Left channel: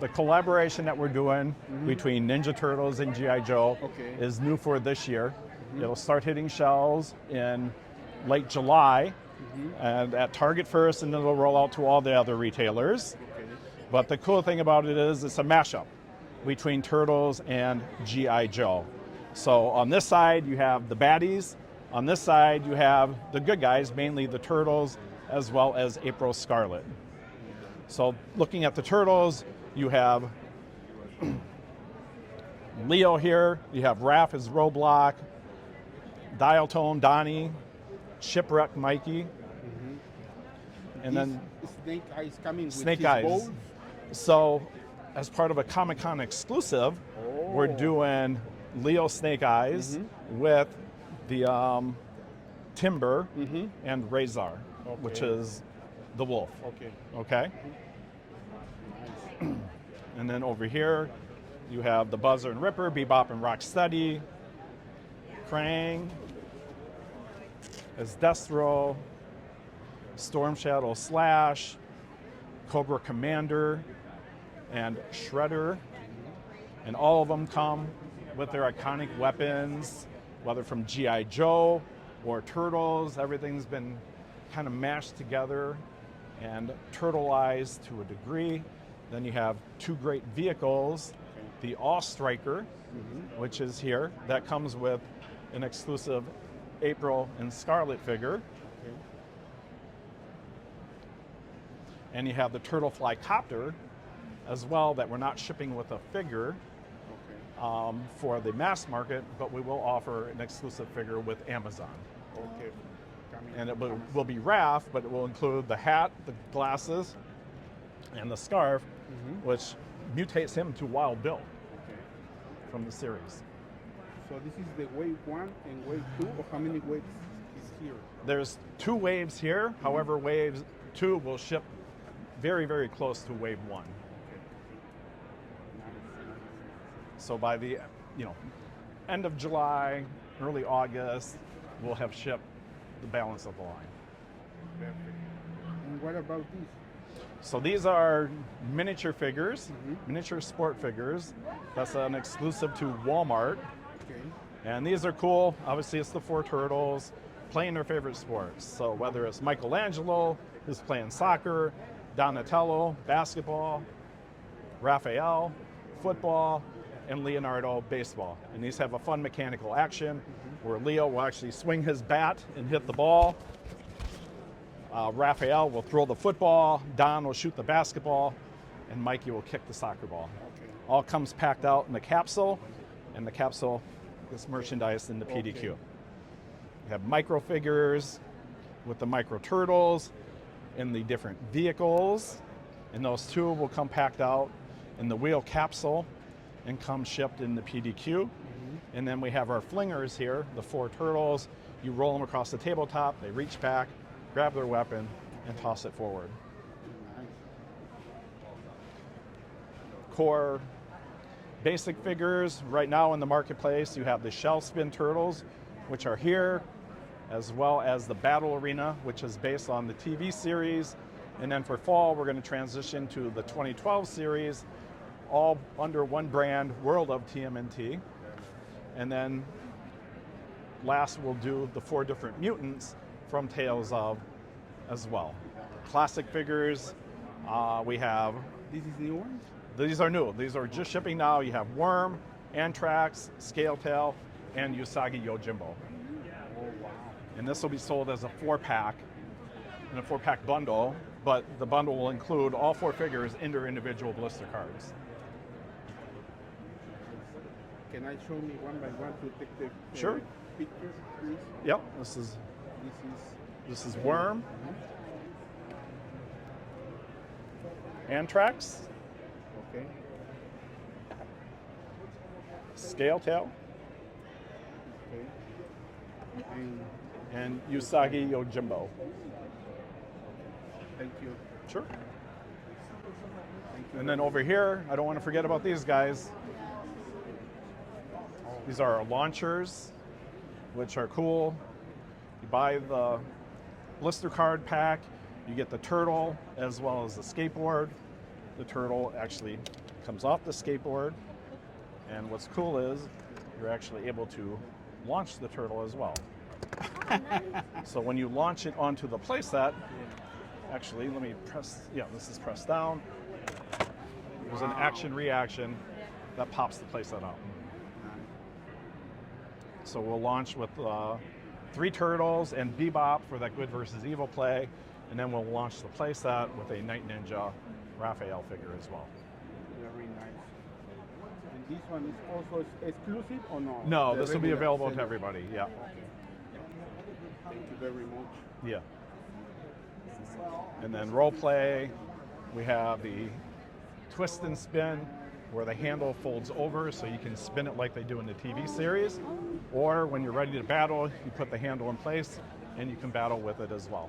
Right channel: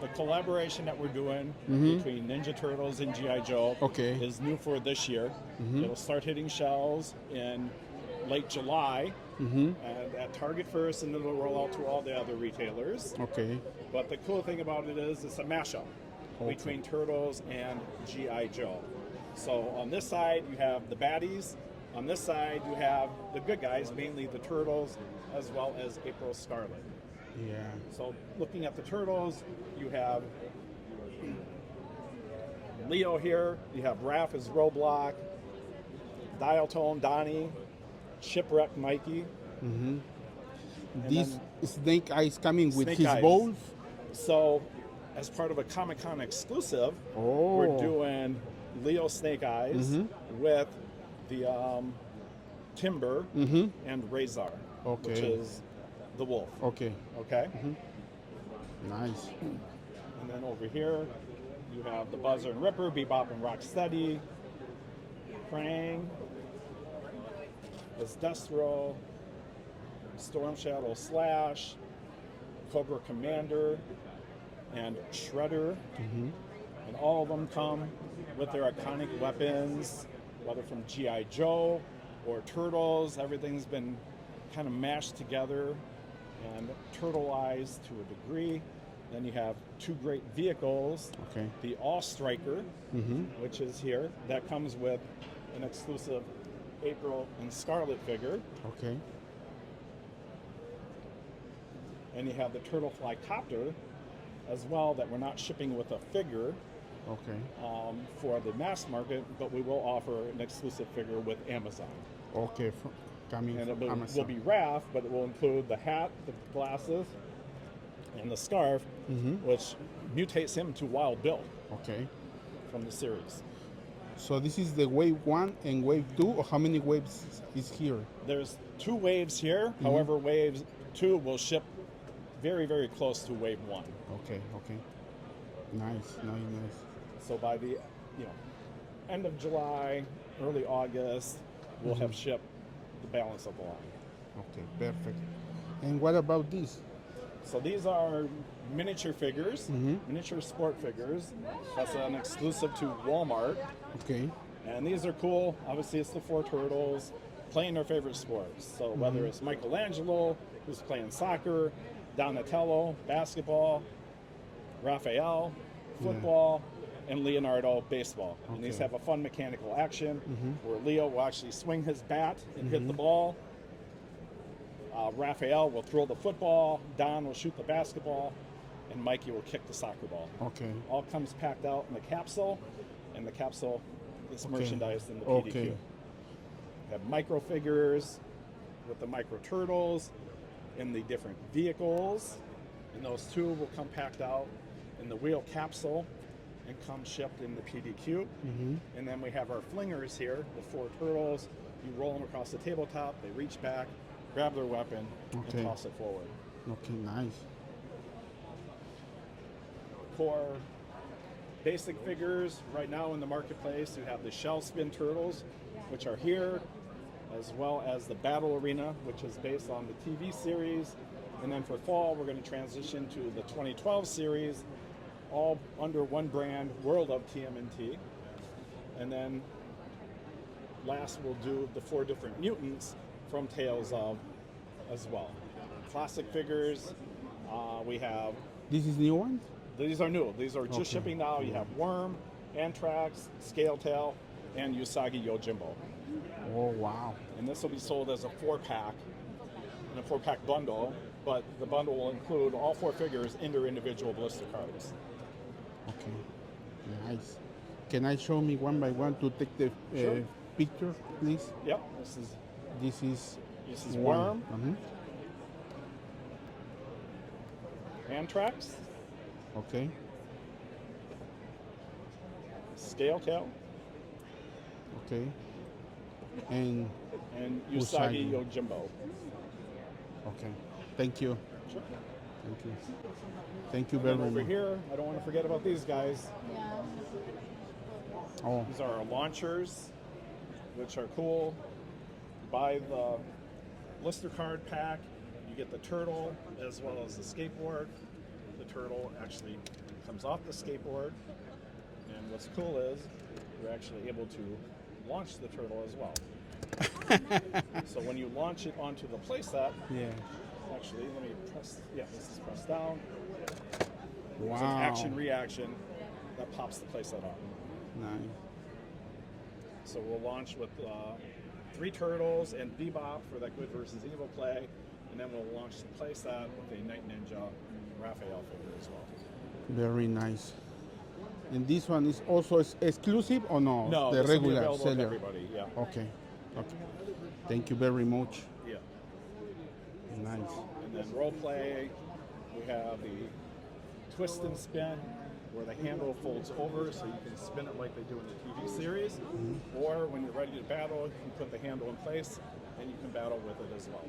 the collaboration that we're doing between Ninja Turtles and G.I. Joe is new for this year. It'll start hitting shelves in late July at Target first, and then it'll roll out to all the other retailers. Okay. But the cool thing about it is it's a mashup between Turtles and G.I. Joe. So on this side, you have the baddies. On this side, you have the good guys, mainly the Turtles, as well as April Scarlet. Yeah. So looking at the Turtles, you have Leo here, you have Raph as Roblox, Dial Tone Donnie, Shipwreck Mikey. And And this then Snake Eyes coming with Snake his Eyes. balls. So as part of a Comic-Con exclusive, we're doing Leo Snake Eyes with the Timber and Razor, which is the wolf. Okay. Okay? Nice. And then over here, you have the Buzzer and Ripper, Bebop and Rocksteady, Krang, as Destro, Storm Shadow Slash, Cobra Commander, and Shredder. And all of them come with their iconic weapons, whether from G.I. Joe or Turtles. Everything's been kind of mashed together and turtleized to a degree. Then you have two great vehicles. Okay. The All Striker, which is here, that comes with an exclusive April and Scarlet figure. Okay. And you have the Turtle Fly Copter as well, that we're not shipping with a figure Okay. for the mass market, but we will offer an exclusive figure with Amazon. Okay. Coming And it from will Amazon. be Raph, but it will include the hat, the glasses, and the scarf, which mutates him to Wild Bill Okay. from the series. So this is the wave 1 and wave 2, or how many waves is here? There's 2 waves here. However, wave 2 will ship very, very close to wave 1. Okay. Okay. Nice. Nice. So by the end of July, early August, we'll have shipped the balance of the line. Okay. Perfect. And what about this? So these are miniature figures, miniature sport figures. That's an exclusive to Walmart. Okay. And these are cool. Obviously, it's the 4 Turtles playing their favorite sports. So whether it's Michelangelo, who's playing soccer, Donatello, basketball, Raphael, football, and Leonardo, baseball. And these have a fun mechanical action where Leo will actually swing his bat and hit the ball. Raphael will throw the football, Don will shoot the basketball, and Mikey will kick the soccer ball. Okay. All comes packed out in the capsule, and the capsule is merchandised in the PDQ. Okay. You have micro figures with the micro turtles in the different vehicles, and those 2 will come packed out in the wheel capsule and come shipped in the PDQ. And then we have our flingers here, the 4 turtles. You roll them across the tabletop, they reach back, grab their weapon, and toss it forward. Okay. Nice. Core basic figures. Right now in the marketplace, you have the Shell Spin Turtles, which are here, as well as the Battle Arena, which is based on the TV series. And then for fall, we're going to transition to the 2012 series, all under one brand, World of TMNT. And then last, we'll do the 4 different mutants from Tales of as well. Classic figures, we have, This is new one? these are new. These are just shipping now. You have Worm, Anthrax, Scaletail, and Usagi Yojimbo. Oh, wow. And this will be sold as a 4-pack, in a 4-pack bundle, but the bundle will include all 4 figures in their individual blister cards. Okay. Nice. Can I show me one by one to take the Sure. picture, please? Yep, This is Worm, Uh-huh. Anthrax, Okay. Scaletail, Okay. And and Usagi Usagi. Yojimbo. okay. Thank you. Sure. Thank you. Thank you And very then over much. here, I don't want to forget about these guys. Oh, These are our launchers, which are cool. You buy the blister card pack, you get the turtle as well as the skateboard. the turtle actually comes off the skateboard, and what's cool is you're actually able to launch the turtle as well. So when you launch it onto the playset, actually, let me press, this is pressed down. There's an action-reaction that pops the playset out. So we'll launch with 3 turtles and Bebop for that good versus evil play, and then we'll launch the playset with a Night Ninja Raphael figure as well. Very nice. And this one is also exclusive or no? No, The this will be regular available to seller? everybody, yeah. Okay. Thank you very much. Yeah. Nice. And then role play, we have the twist and spin, where the handle folds over so you can spin it like they do in the TV series. Or when you're ready to battle, you put the handle in place and you can battle with it as well.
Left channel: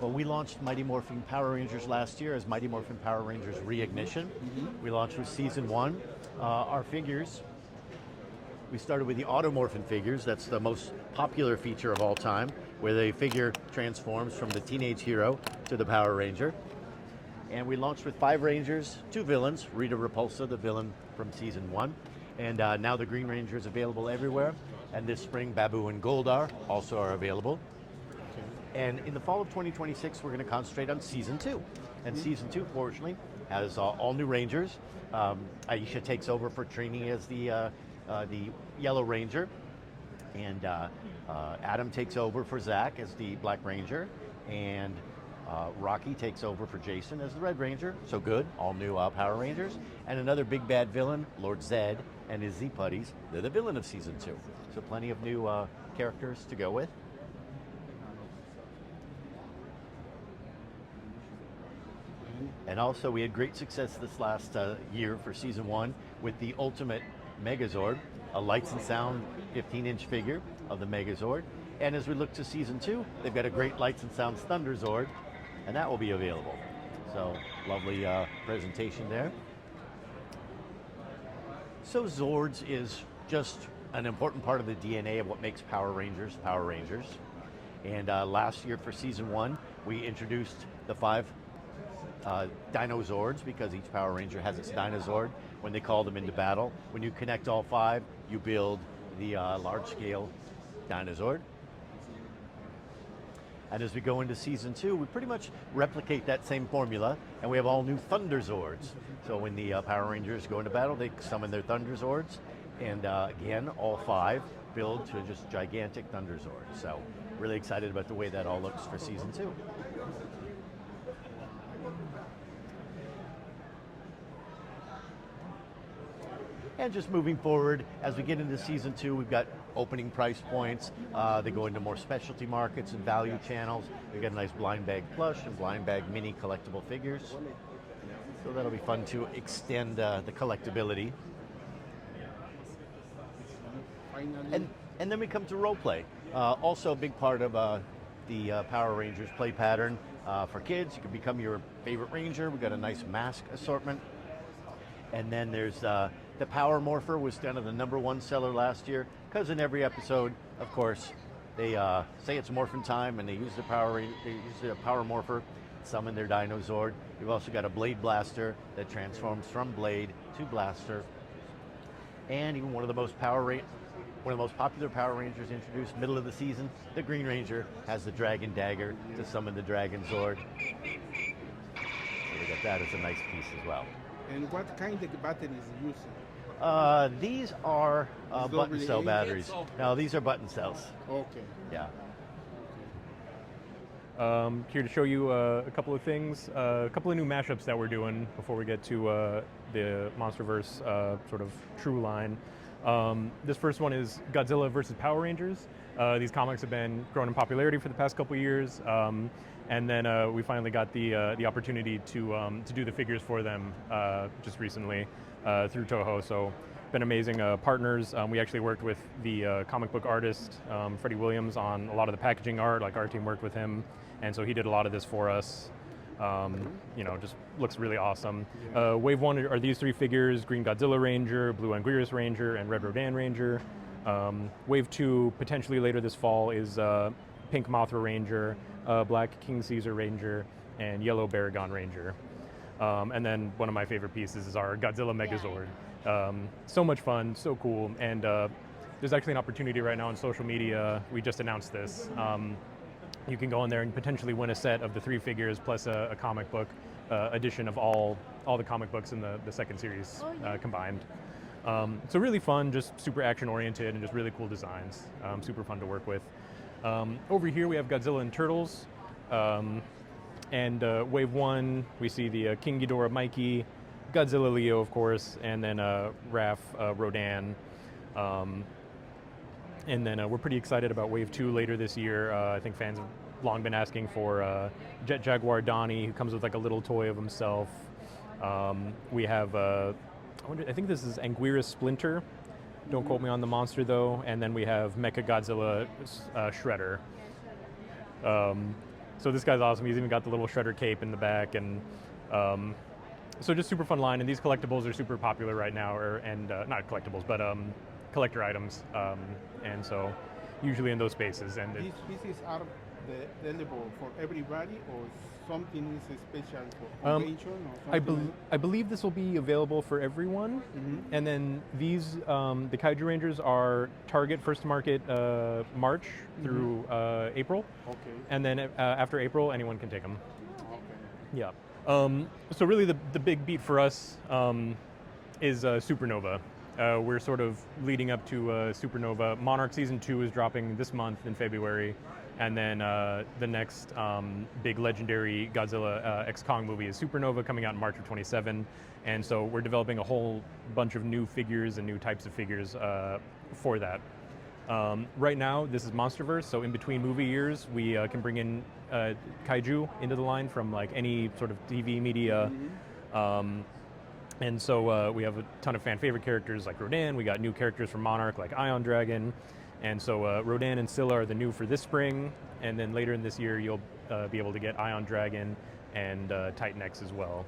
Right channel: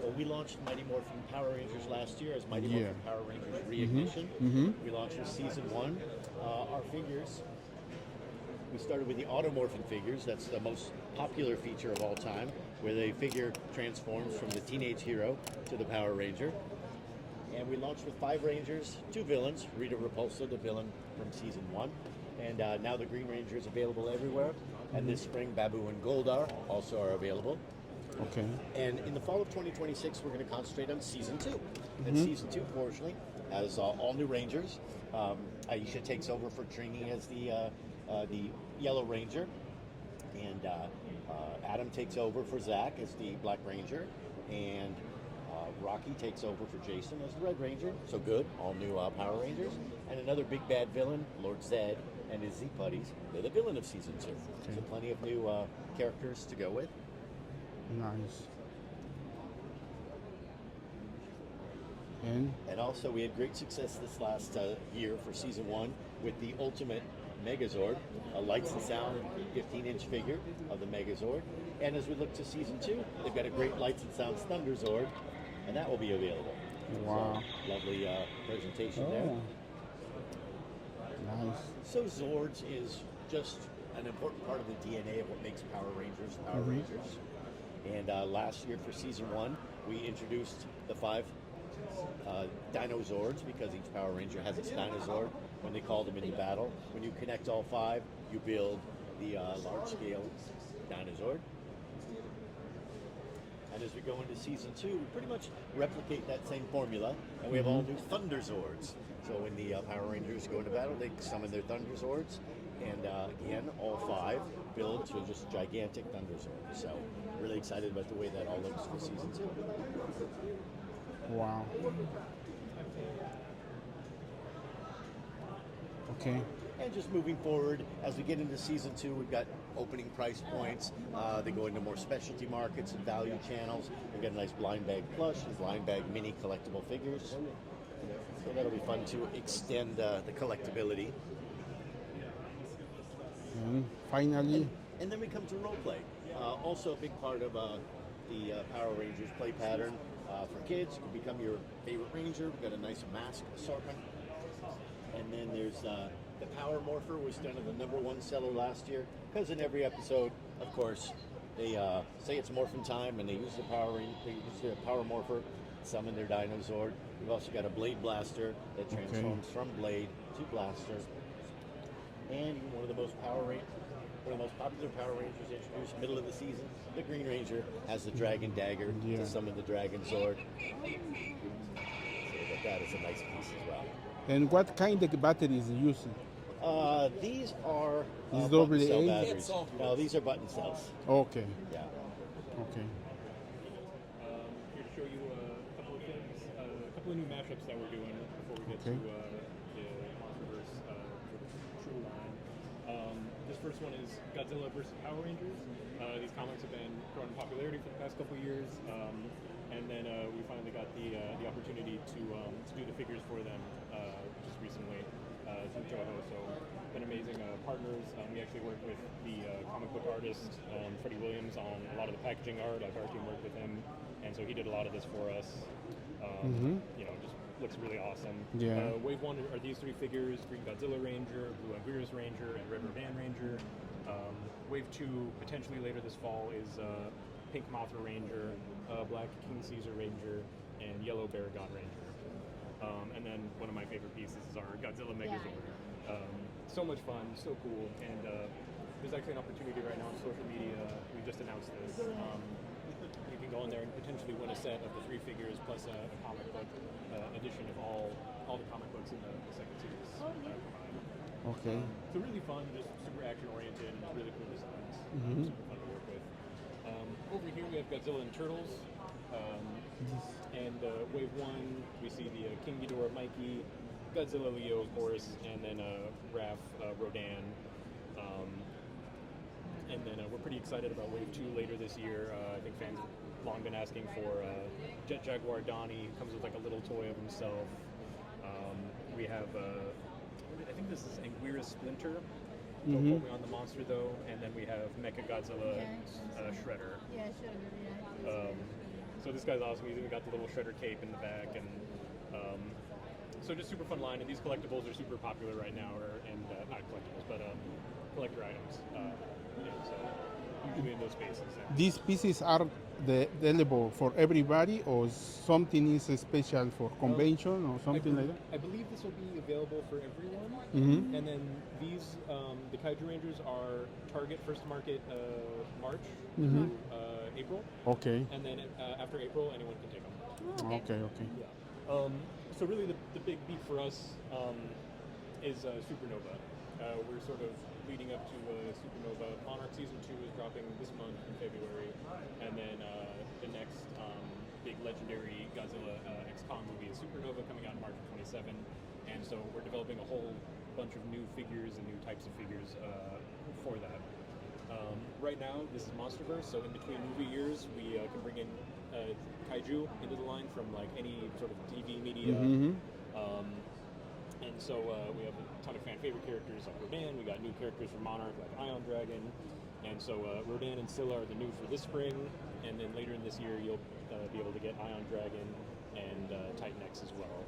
Well, we launched Mighty Morphin Power Rangers last year as Mighty Morphin Power Rangers Reignition. We launched with Season 1. Our figures, we started with the Automorphin figures. That's the most popular feature of all time, where the figure transforms from the teenage hero to the Power Ranger. And we launched with 5 Rangers, 2 villains, Rita Repulsa, the villain from Season 1. And now the Green Ranger is available everywhere. And this spring, Babu and Goldar also are available. Okay. And in the fall of 2026, we're going to concentrate on Season 2. And Season 2, fortunately, has all new Rangers. Aisha takes over for Trini as the Yellow Ranger. And Adam takes over for Zach as the Black Ranger. And Rocky takes over for Jason as the Red Ranger. So good, all new Power Rangers. And another big bad villain, Lord Zed, and his Z-Putties. They're the villain of Season 2. So plenty of new characters to go with. Nice. And also, we had great success this last year for Season 1 with the Ultimate Megazord, a lights and sound 15-inch figure of the Megazord. And as we look to Season 2, they've got a great lights and sounds Thunderzord, and that will be available. Wow. So, lovely presentation there. Nice. So Zords is just an important part of the DNA of what makes Power Rangers Power Rangers. And last year for Season 1, we introduced the 5 Dinozords, because each Power Ranger has its Dinozord when they call them into battle. When you connect all 5, you build the large-scale Dinozord. And as we go into Season 2, we pretty much replicate that same formula, and we have all new Thunderzords. So when the Power Rangers go into battle, they summon their Thunderzords, and again, all 5 build to just gigantic Thunderzords. So really excited about the way that all looks for Season 2. Wow. Okay. And just moving forward, as we get into Season 2, we've got opening price points. They go into more specialty markets and value channels. We've got a nice blind bag plush and blind bag mini collectible figures. So that'll be fun to extend the collectability. And finally, And then we come to role play. Also a big part of the Power Rangers play pattern for kids. You can become your favorite Ranger. We've got a nice mask assortment. And then there's the Power Morpher was kind of the #1 seller last year, because in every episode, of course, they say it's morphin' time, and they use their Power Morpher, summon their Dinozord. We've also got a Blade Blaster that transforms from Blade to Blaster. And even one of the most popular Power Rangers introduced middle of the season, the Green Ranger has the Dragon Dagger to summon the Dragon Zord. So that is a nice piece as well. and what kind of batteries are you using? These are These button cell AA? batteries. No, these are button cells. Okay. Yeah. Okay. Here to show you a couple of things, a couple of new mashups that we're doing before we get to the MonsterVerse sort of true line. This first one is Godzilla versus Power Rangers. These comics have been growing in popularity for the past couple of years, and then we finally got the opportunity to do the figures for them just recently through Toho. So been amazing partners. We actually worked with the comic book artist Freddie Williams on a lot of the packaging art. Like, our team worked with him, and so he did a lot of this for us. You know, just looks really awesome. Yeah. Wave 1 are these 3 figures: Green Godzilla Ranger, Blue Anguirus Ranger, and Red Rodan Ranger. Wave 2, potentially later this fall, is Pink Mothra Ranger, Black King Caesar Ranger, and Yellow Baragon Ranger. And then one of my favorite pieces is our Godzilla Megazord. So much fun, so cool, and there's actually an opportunity right now on social media. We just announced this. You can go in there and potentially win a set of the 3 figures plus a comic book edition of all the comic books in the second series combined. So really fun, just super action oriented and just really cool designs. Super fun to work with. Over here we have Godzilla and Turtles. And Wave 1, we see the King Ghidorah Mikey, Godzilla Leo, of course, and then Raph Rodan. And then we're pretty excited about Wave 2 later this year. I think fans have long been asking for Jet Jaguar Donnie, who comes with like a little toy of himself. We have, I think this is Anguirus Splinter. Don't quote me on the monster though. And then we have Mecha Godzilla Shredder. So this guy's awesome. He's even got the little Shredder cape in the back, and so just super fun line. And these collectibles are super popular right now, and not collectibles, but collector items. And so usually in those spaces. And These pieces are available for everybody, or something is special for convention or something like that? I believe this will be available for everyone. And then these, the Kaiju Rangers are Target first to market March through April. Okay. And then after April, anyone can take them. Okay. Yeah. So really the big beat for us is Supernova. We're sort of leading up to Supernova. Monarch Season 2 is dropping this month in February. And then the next big legendary Godzilla X Kong movie is Supernova, coming out in March of 27. And so we're developing a whole bunch of new figures and new types of figures for that. Right now, this is Monsterverse, so in between movie years, we can bring in kaiju into the line from like any sort of TV media. And so we have a ton of fan favorite characters like Rodan. We got new characters from Monarch like Ion Dragon. And so Rodan and Scylla are the new for this spring. And then later in this year, you'll be able to get Ion Dragon and Titan X as well.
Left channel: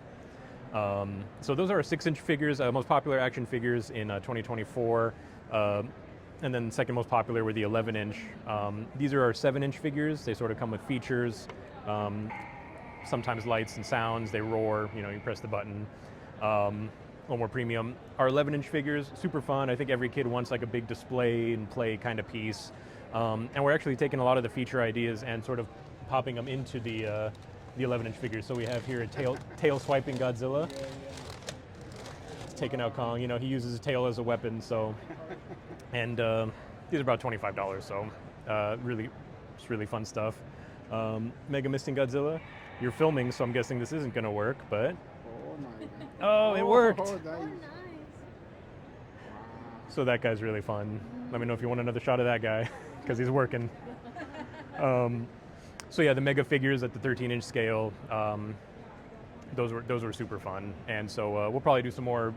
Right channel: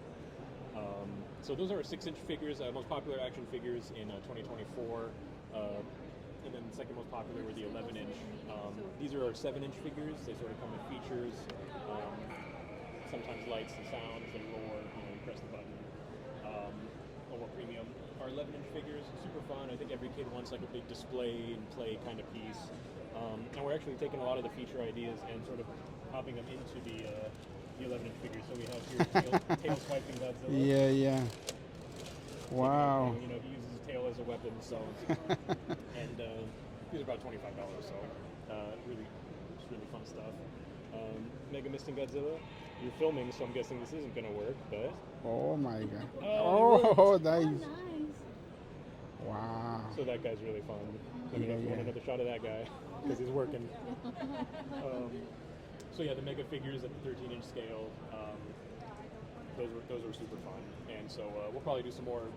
So those are our 6-inch figures, most popular action figures in 2024. And then second most popular were the 11-inch. These are our 7-inch figures. They sort of come with features, sometimes lights and sounds. They roar, you press the button. A little more premium. Our 11-inch figures, super fun. I think every kid wants like a big display and play kind of piece. And we're actually taking a lot of the feature ideas and sort of popping them into the 11-inch figures. So we have here tail swiping Godzilla. Yeah. Taking out Kong. He uses his tail as a weapon. So, and these are about $25. So, it's really fun stuff. Mega Misting Godzilla. You're filming, so I'm guessing this isn't going to work, but. Oh my God. Oh, it worked. Oh, nice. Wow. So that guy's really fun. Let me know if you want another shot of that guy, because he's working. So yeah, the mega figures at the 13-inch scale. Those were super fun, and so we'll probably do some more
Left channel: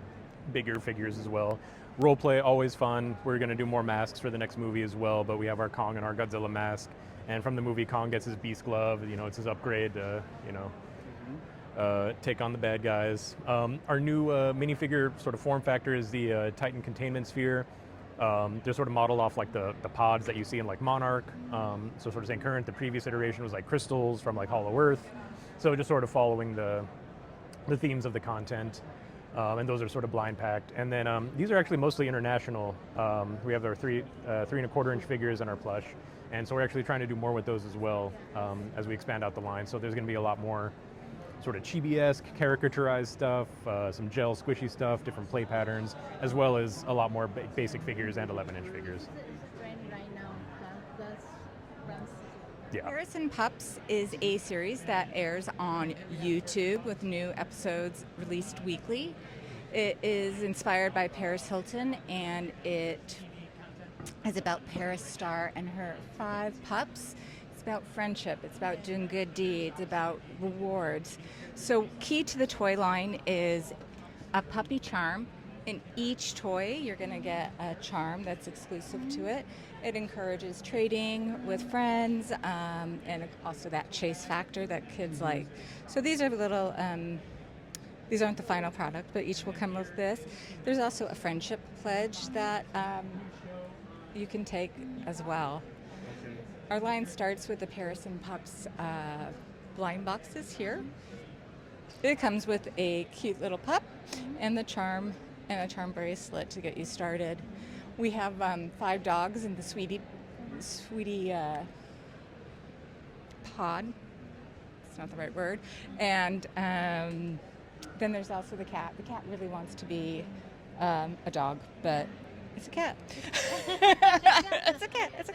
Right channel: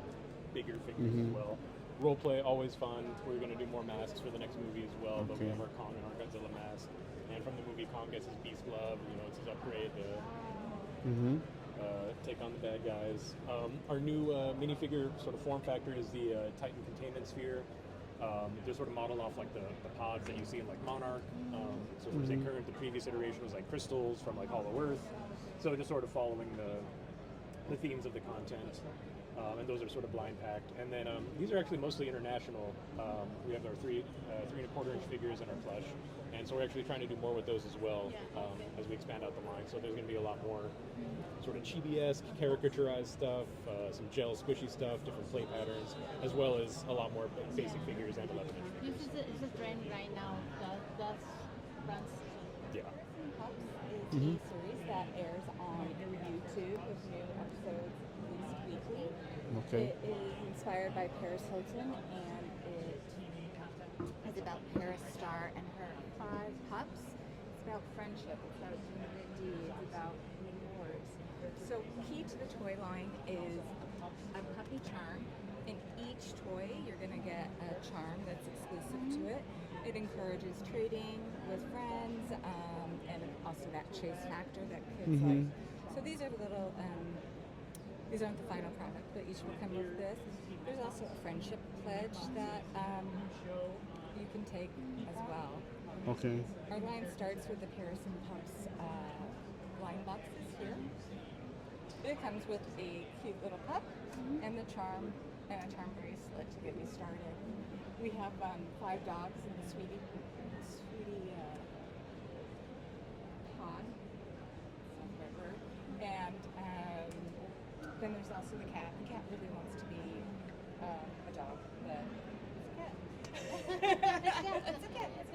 bigger figures as well. Role play, always fun. We're going to do more masks for the next movie as well, but we have our Kong and our Godzilla mask, and from the movie, Kong gets his Beast Glove. It's his upgrade to take on the bad guys. Our new minifigure sort of form factor is the Titan Containment Sphere. They're sort of modeled off like the pods that you see in like Monarch. So sort of saying current, the previous iteration was like crystals from like Hollow Earth. So just sort of following the themes of the content, and those are sort of blind packed. And then these are actually mostly international. We have our 3 3¼ inch figures and our plush, and so we're actually trying to do more with those as well as we expand out the line. So there's going to be a lot more sort of chibi-esque, caricaturized stuff, some gel squishy stuff, different play patterns, as well as a lot more basic figures and 11-inch figures. It's a trend right now. That's runs. Yeah. Paris and Pups is a series that airs on YouTube with new episodes released weekly. It is inspired by Paris Hilton, and it is about Paris Star and her 5 pups. It's about friendship, it's about doing good deeds, about rewards. So key to the toy line is a puppy charm. In each toy, you're going to get a charm that's exclusive to it. It encourages trading with friends, and also that chase factor that kids like. So these are little, these aren't the final product, but each will come with this. There's also a friendship pledge that you can take as well. Okay. Our line starts with the Paris and Pups blind boxes here. It comes with a cute little pup and the charm and a charm bracelet to get you started. We have 5 dogs in the sweetie pod. It's not the right word. And then there's also the cat. The cat really wants to be a dog, but it's a cat. It's a cat. It's a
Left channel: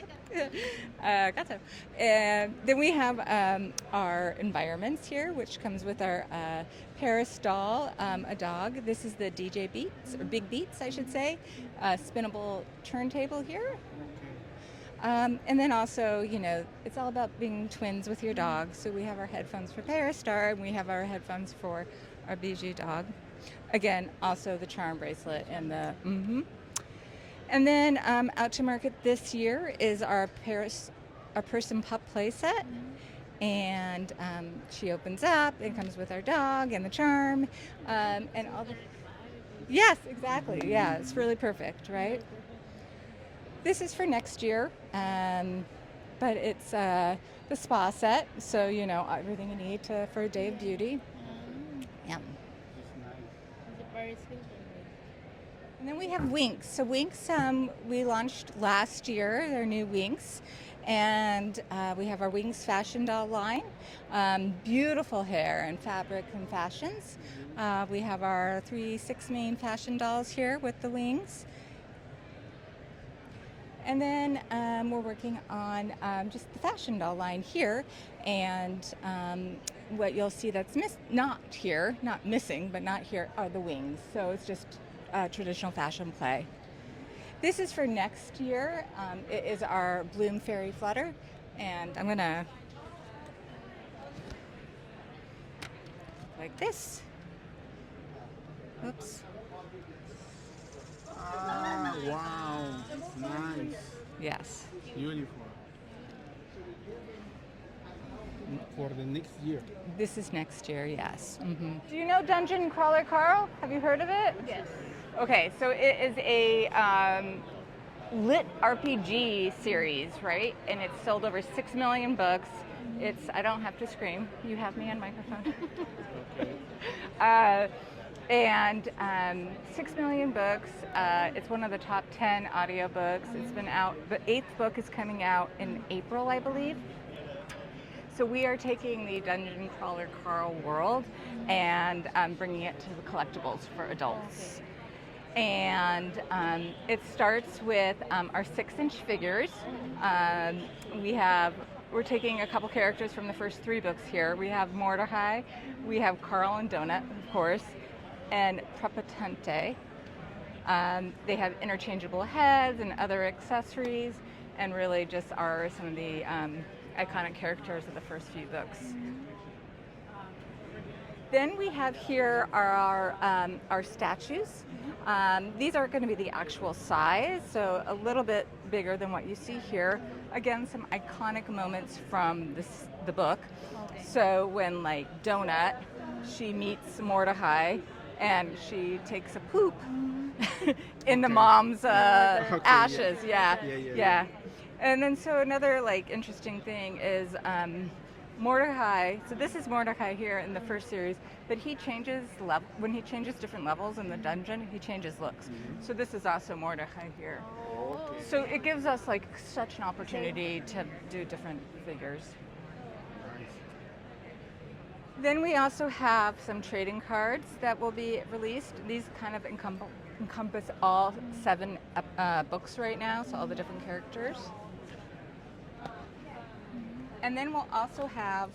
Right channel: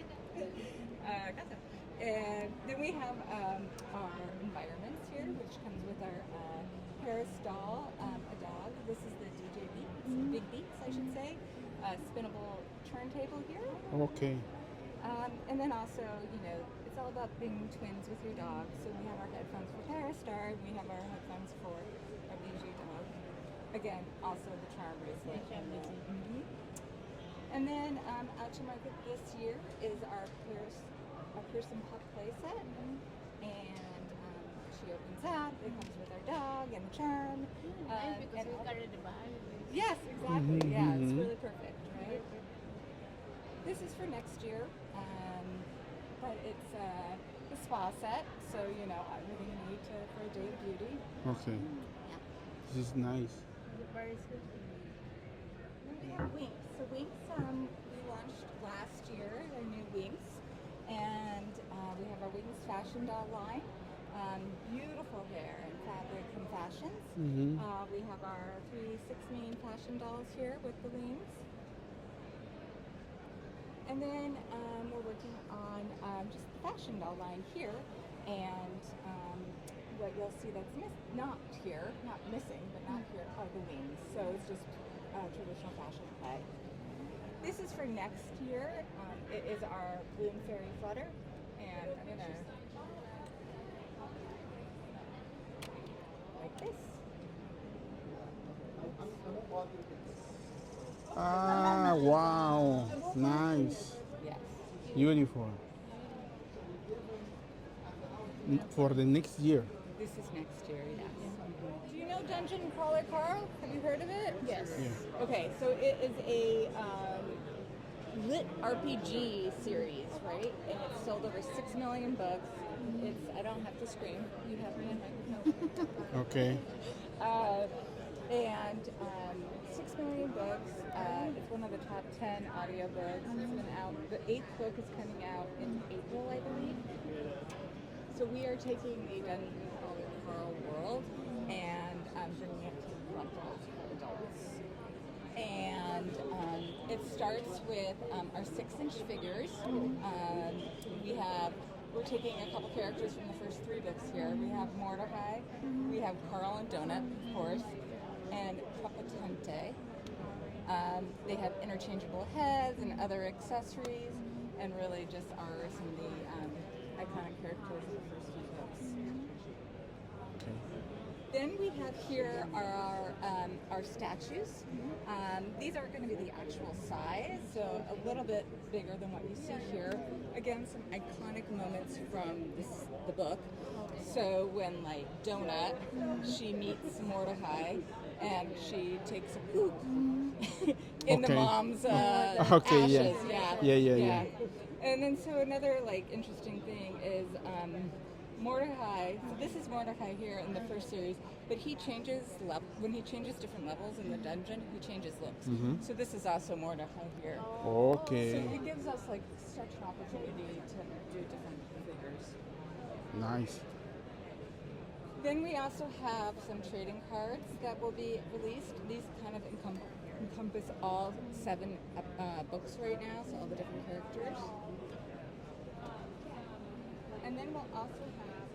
gato. And then we have our environments here, which comes with our Paris doll, a dog. This is the DJ Beats, or Big Beats, I should say. Spinnable turntable here. Okay. And then also, it's all about being twins with your dog. So we have our headphones for Paris Star, and we have our headphones for our Bijou dog. Again, also the charm bracelet and the And then out to market this year is our person pup play set. And she opens up and comes with our dog and the charm. And all the... Yes, exactly. Yeah, it's really perfect, right? This is for next year, but it's the spa set, so everything you need for a day of beauty. Okay. Yeah. This is nice. And then we have Winx. So Winx, we launched last year, their new Winx, and we have our Winx fashion doll line. Beautiful hair and fabric and fashions. We have our 6 main fashion dolls here with the wings. And then we're working on just the fashion doll line here, and what you'll see that's not missing, but not here, are the wings. So it's just traditional fashion play. This is for next year. It is our Bloom Fairy Flutter, and I'm gonna like this. Oops. Ah, wow. Nice. Yes. Beautiful. For the next year. This is next year, yes. Do you know Dungeon Crawler Carl? Have you heard of it? Yes. Okay, so it is a lit RPG series, right? And it's sold over 6 million books. I don't have to scream. You have me on microphone. Okay. And 6 million books. It's one of the top 10 audiobooks. It's been out. The 8th book is coming out in April, I believe. So we are taking the Dungeon Crawler Carl world and bringing it to the collectibles for adults. And it starts with our 6-inch figures. We're taking a couple characters from the first 3 books here. We have Mordecai, we have Carl and Donut, of course, and Prepotente. They have interchangeable heads and other accessories, and really just are some of the iconic characters of the first few books. Then we have here our statues. These are going to be the actual size, so a little bit bigger than what you see here. Again, some iconic moments from the book. So when, like, Donut, she meets Mordecai, and she takes a poop in the mom's ashes. Yeah. And then so another interesting thing is Mordecai. So this is Mordecai here in the first series, but he changes when he changes different levels in the dungeon. He changes looks. So this is also Mordecai here. Okay. So it gives us such an opportunity to do different figures. Nice. Then we also have some trading cards that will be released. These kind of encompass all 7 books right now, so all the different characters. And then we'll also have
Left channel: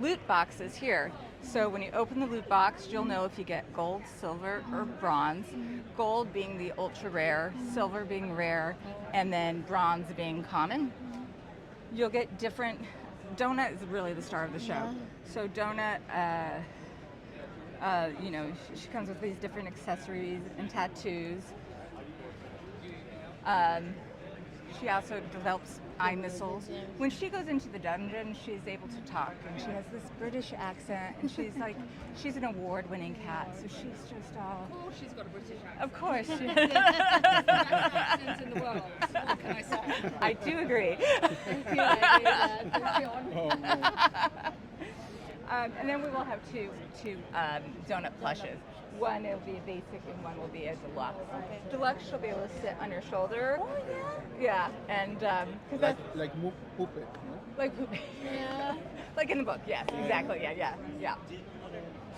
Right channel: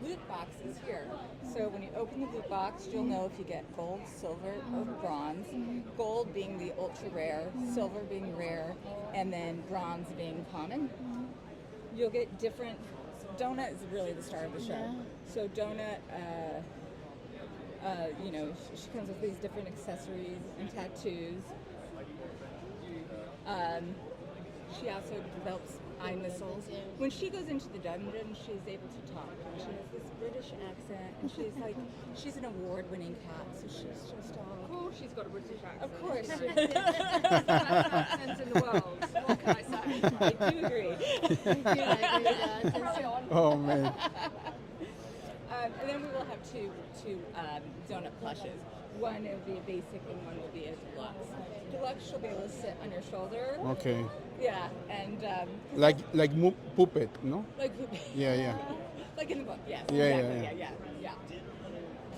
loot boxes here. So when you open the loot box, you'll know if you get gold, silver, or bronze. Gold being the ultra rare, silver being rare, and then bronze being common. You'll get different. Donut is really the star of the show. So Donut, she comes with these different accessories and tattoos. She also develops eye missiles. When she goes into the dungeon, she's able to talk, and she has this British accent, and she's an award-winning cat, so she's just all... She's got a British accent. Of course. She Accent in the world. What can I say? I do agree. Oh man. And then we will have two donut plushes. One will be a basic and one will be a deluxe. Okay. Deluxe, she'll be able to sit on your shoulder. Okay. Yeah, and 'cause Like puppet, no? like Yeah. like in the book. Yes, Yeah, exactly. yeah. Yeah.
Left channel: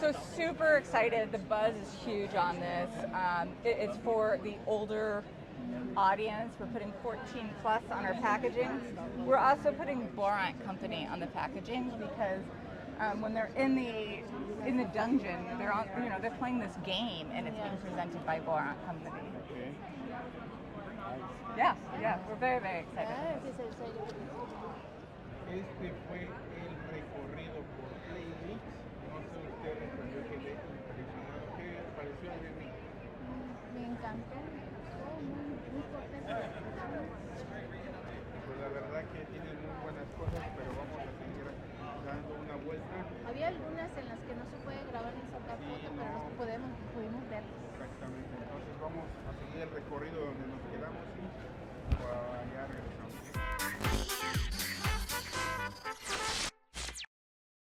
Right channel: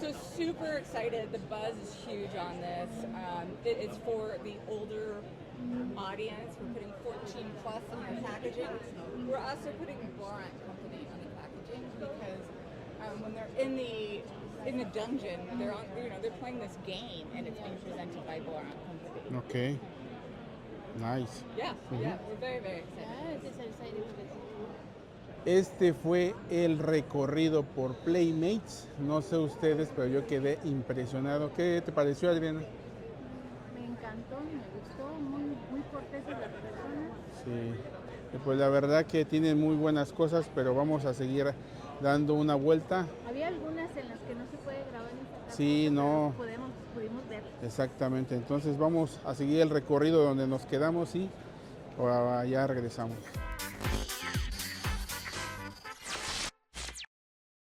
So super excited. The buzz is huge on this. It's for the older audience. We're putting 14 plus on our packaging. We're also putting Borat Company on the packaging because when they're in the dungeon, they're on, they're playing this game and it's being presented by Borat Company. Okay. Nice. Yeah. We're very, very excited. Ah, ese es el sello que Este fue el recorrido por Playmates. No sé ustedes, pero yo quedé impresionado. ¿Qué te pareció, Adriana? me encantó, me gustó, muy corteses las personas. Sí. Y pues la verdad que tienen muy buenas cosas, pero vamos a seguir dando una vuelta. Había algunas en las que no se puede grabar nuestra parte, Sí, no. pudimos ver. Exactamente. Entonces vamos a seguir el recorrido donde nos quedamos y ya regresamos.